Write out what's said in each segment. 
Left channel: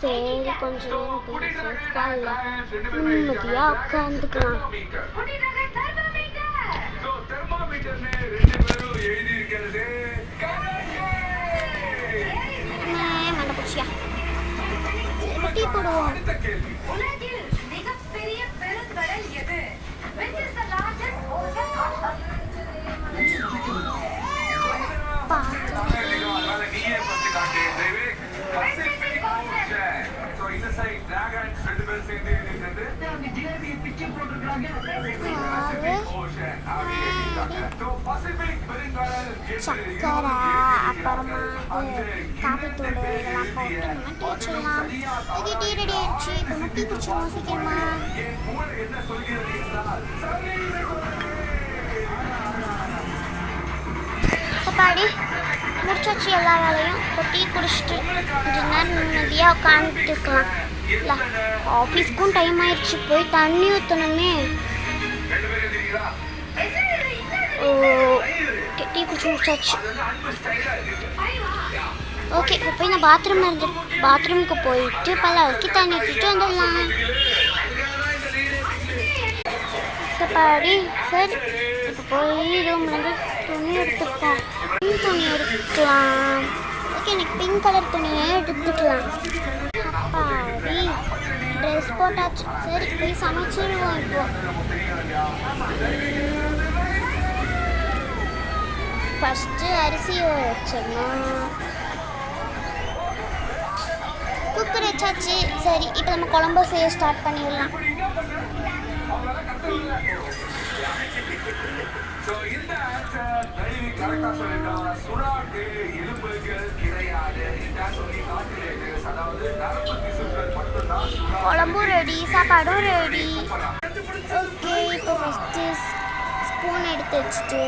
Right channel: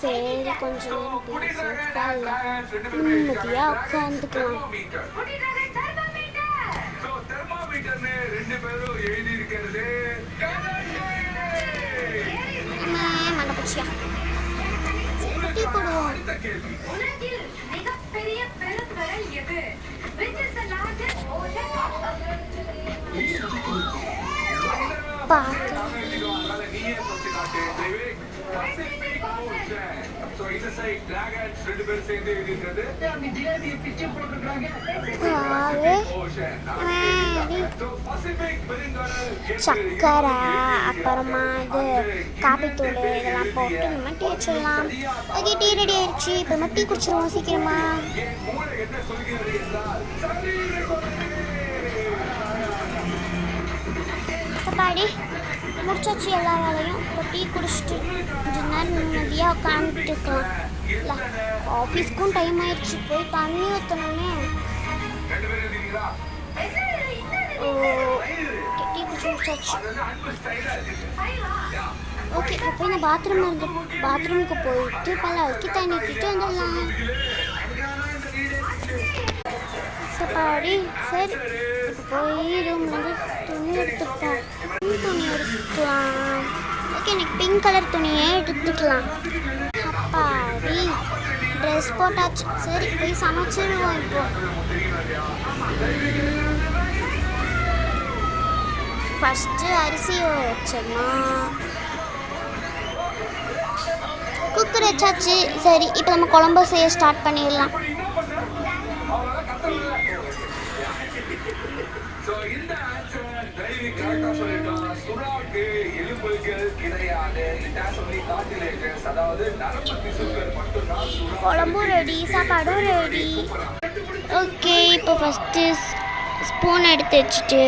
சரி கொஞ்ச நேரம் நிம்மதியா உட்காந்துக்கலாம். மண்டபச்சியா டீ போடுவோம். சக்கரை அப்புறமா காப்பித்தூள் இதெல்லாம் போட்டு நம்ம டீ வச்சிடலாம். ஓகே டீ ரெடி ஆயிடுச்சு. இப்போ நம்ம டீ குடிச்சிடலாம் சீக்கிரமா. பாடி முடிச்சாச்சு எல்லா வேலையும். இப்போ டீ குடிச்சிட்டு கொஞ்ச நேரம் நிம்மதியாக உட்காந்துட்டுருக்கலாம். இல்லை ஆஃபீஸ்க்கும் டைம் ஆயிடுச்சு. போய் தண்ணி ஊற்றணுமே. டீ குடிச்சு முடிச்சாச்சு. ஓகே இப்போ போய் நான் பாத்ரூமுக்கு போயிட்டு பல்லாக்கி தண்ணி ஊற்றிட்டு வந்துடலாம். பாடி சரி இப்போ போய் ரூம்லேருந்து துணி எடுத்துப்போம். துணி எடுத்துக்கலாம். ஓகே எனக்கு பிங்க் கலர் துணியே எடுத்துக்கலாம். அப்பாடி ட்ரெஸ் போட்டாச்சு. சரி போய் சமைச்சிடுவோம். இப்போ ஃபஸ்ட்டு அரிசி வச்சிடணும். குக்கர் வச்சாச்சு. சரி இப்போ நம்ம குழம்பு செய்ய ஸ்டார்ட் பண்ணிடலாம். குழம்பும் ரெடி, சாப்பாடும் ரெடி. ஓகே இப்போ ஃபஸ்ட்டு ஸ்பூன் எடுத்து வச்சுட்டு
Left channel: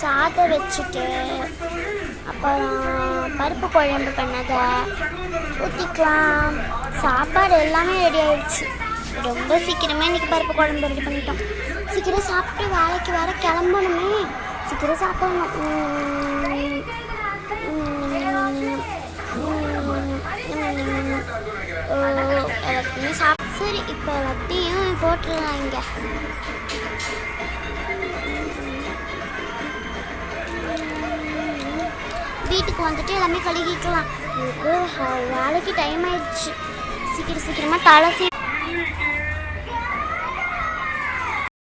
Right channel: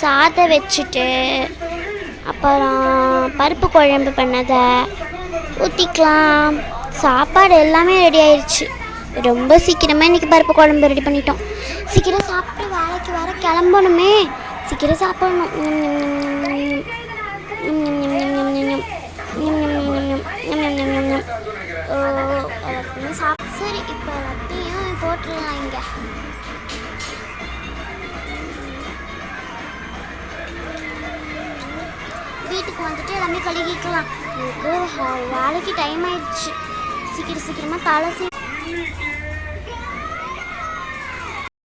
சாதம் வச்சுட்டு அப்புறம் பருப்பு குழம்பு பண்ணதை ஊற்றிக்கலாம். சாப்பாடு எல்லாமே ரெடி ஆயிடுச்சு. ரொம்ப சீக்கிரமாக இன்றைக்கி பருப்பு குழம்பு ரெடி பண்ணிட்டோம். சீக்கிரம் சாப்பிட்டு வேலைக்கு வர கிளம்பணுமே. சீக்கிரம் சாப்பிடணும். எல்லாத்தையும் சரி இப்போ எல்லாத்தையும் போட்டுடலாம். இங்கே வீட்டுக்கு வந்துட்டு எல்லாமே கழுகிக்கலாம். எனக்கு வேலைக்கு டைம் ஆயிடுச்சு. சீக்கிரமாக தலை